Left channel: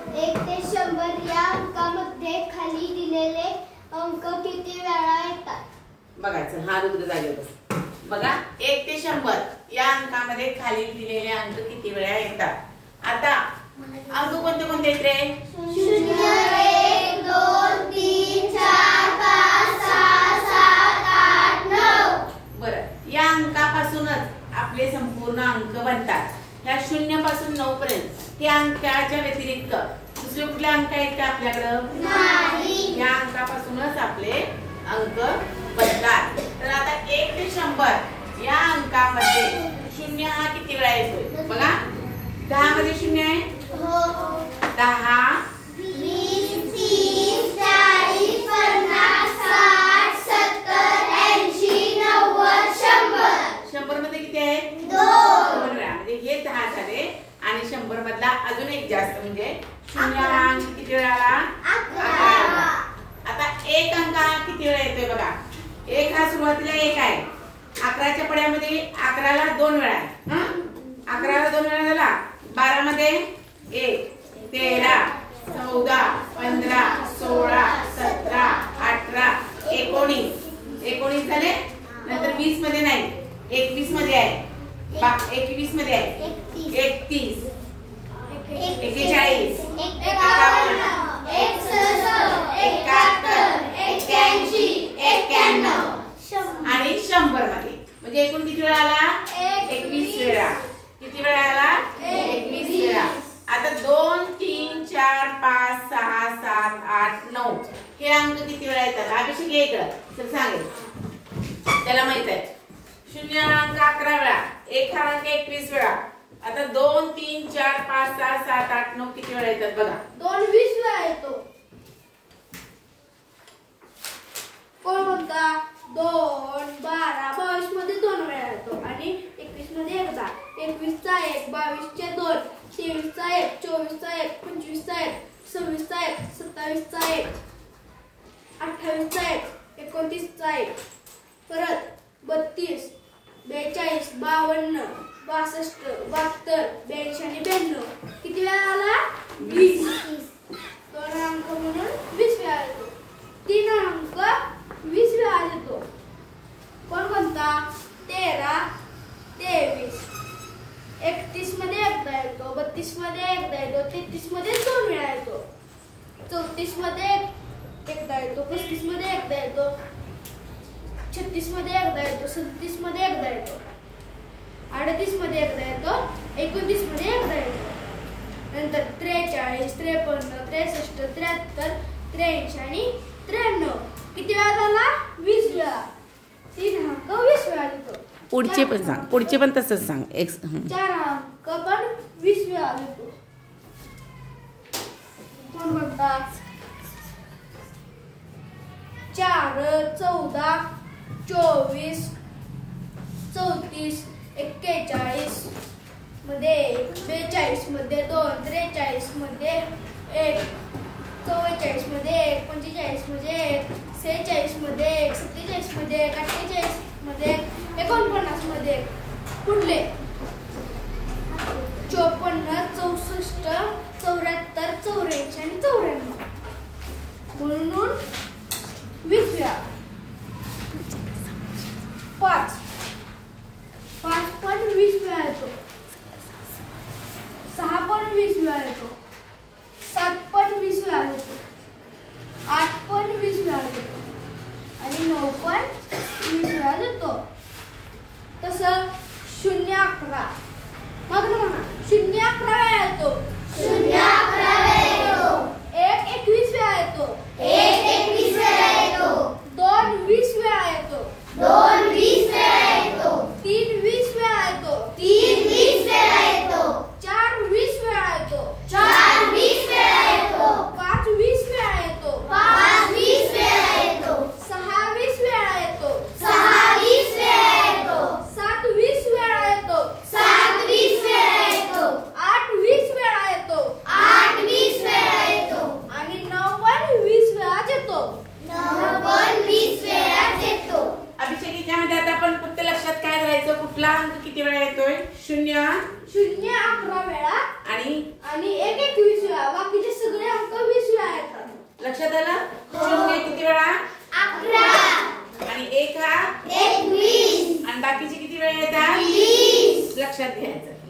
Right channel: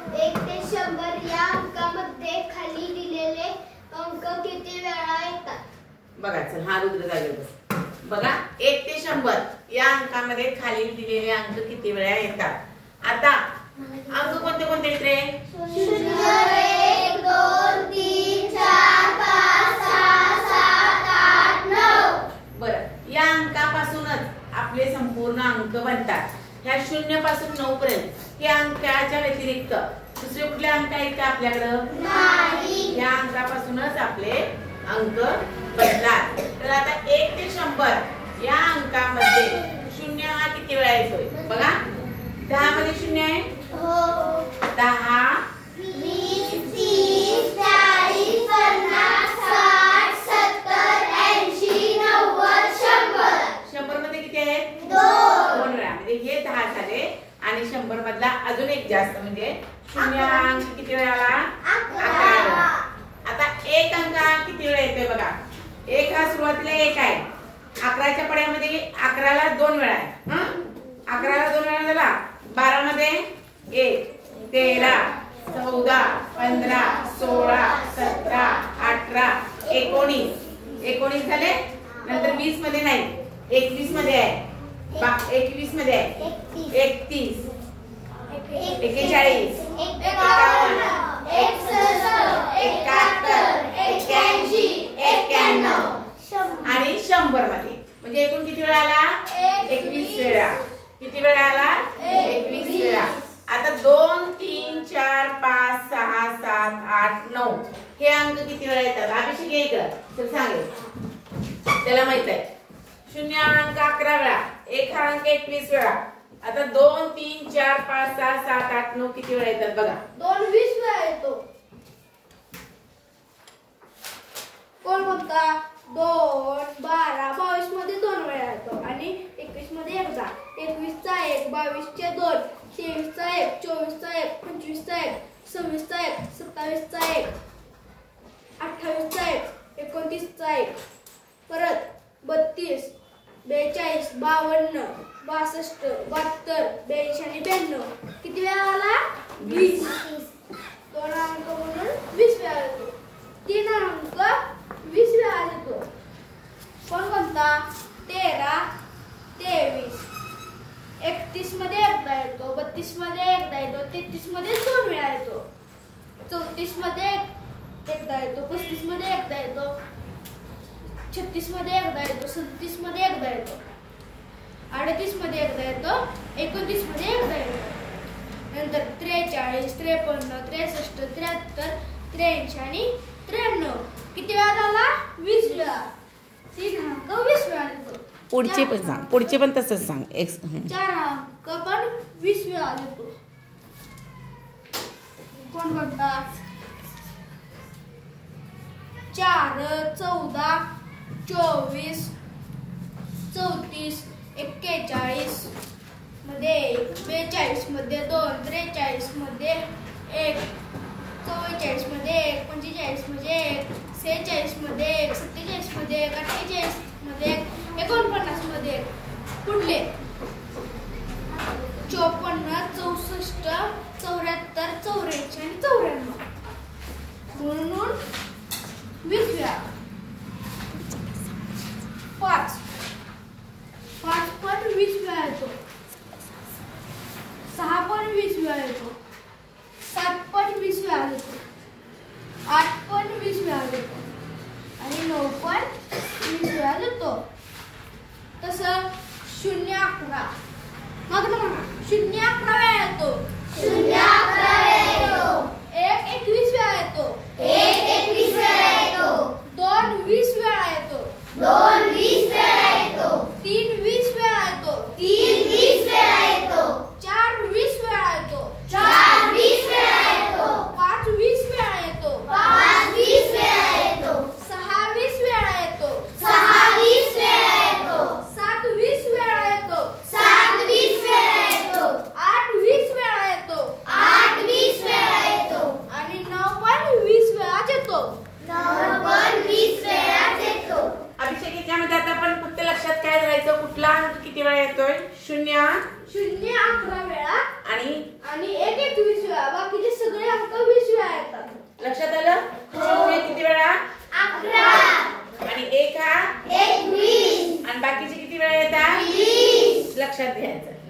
1 ते 100 या अंकामध्ये खाली दिलेले अंक किती वेळा येतात? बघा चल हा रुद्र जागेवर बस. बघा 1 ते 100 या अंकामध्ये खाली दिलेले अंक किती वेळा येतात? आता अंक कोणते कोणते आहेत रे? 0 1 2 3 4 5 6 7 8 9. बरं, या अंकापासूनच आपले संपूर्ण अंक बनतात. या 0 पासून 9 पर्यंत या अंकाच्या व्यतिरिक्त दुसरे कुठले अंक आहेत का आपल्याकडं? नाही. या अंकापासूनच आपले अंक बनतात. तर आता 1 ते 100 या अंकामध्ये 0 हा किती वेळा येतोय? बघा 10 मध्ये 0 आहे. हो. 10 20 30 40 50 60 70 80 90 100. 100 मध्ये किती आहे? 2 वेळा. म्हणजे हे 10 झाले आणि 100 मधला अजून एक जास्त म्हणजे 0 हा अंक किती वेळा आला? 11. आता 1 अंक किती वेळा येतोय बघा. 1 हा सुरुवातीला 1 आहे. 11च्या पड्यामध्ये 11 ला 2 वेळा आहे. 11 ला 2 वेळा झाला. 12 मध्ये 1 13 14 15 16 17 18 19 झाले. नंतर 20 मध्ये नाही 21 मध्ये आहे. 21 मध्ये आहे 31 41 51 आणि 100 मध्ये म्हणजे एकूण किती वेळा आला? 21 वेळा. किती वेळा आला? 21 वेळा. आता 2 3 4 5 6 7 8 9 हे अंक किती वेळा येतात? अभिषेक येतं तर सांगेल, त्याला माहित आहे. 0 हा अंक 11 वेळा, 1 हा अंक 21 वेळा. आता 2 3 4 5 6 7 8 9 किती वेळा येतात बघा? 2 20 वेळा येतो. कोण कोणता? 2 12 22 मध्ये 2 वेळा येतो आणि 21 मध्ये एकदा. 21 चा 1 22 चे 2 23 चा 1 24 चा 1 25 चा 1 26 चा 1 27 चा 1 28 चा 1 29 चा 1 परत 32 42 52 62 72 82 आणि 92 किती वेळा आला? 20. 2 अंक म्हणून 20 वेळा येतो. 3 अंक 20 वेळा येतो. कोण कोणता? 13 23 31 मध्ये एकदा येतो. 32 मध्ये एकदा येतो. 33 मध्ये 2 वेळा येतो. 34 मध्ये एकदा येतो. 35 मध्ये एकदा येतो. 36 मध्ये एकदा येतो. 37 मध्ये एकदा येतो. 38 मध्ये एकदा येतो. 29 मध्ये एकदा येतो. नंतर 43 53 63 73 83 आणि 93 किती वेळा झाला? 20 वेळा. 3 अंक 20 वेळा येतो. पुढचे पण सांग. पुढचे पण तसंच सांग. 4 अंक पण 20 वेळा येतो. कोण कोणता? 4 14 24 34 41 मध्ये 42 मध्ये 2 43 मध्ये 1 44 मध्ये 1 45 मध्ये 1 46 मध्ये 1 47 मध्ये 1 48 मध्ये 49 मध्ये पुढले 54 64 74 84 आणि 94 म्हणून 20 वेळा. 5 पण 20 वेळा येतो. 6 पण 20 वेळा येतो. 7 पण 20 वेळा येतो. 8 पण 20 वेळा येतो आणि 9 पण 20 वेळा येतो. तसं 0 11 मग ना म्हणा 0 11 वेळा येतो. 0 11 वेळा येतो. 1 21 वेळा येतो. 1 21 वेळा येतो. 2 बाकीचे किती वेळा येतात? 20. लक्षात घ्यायचं.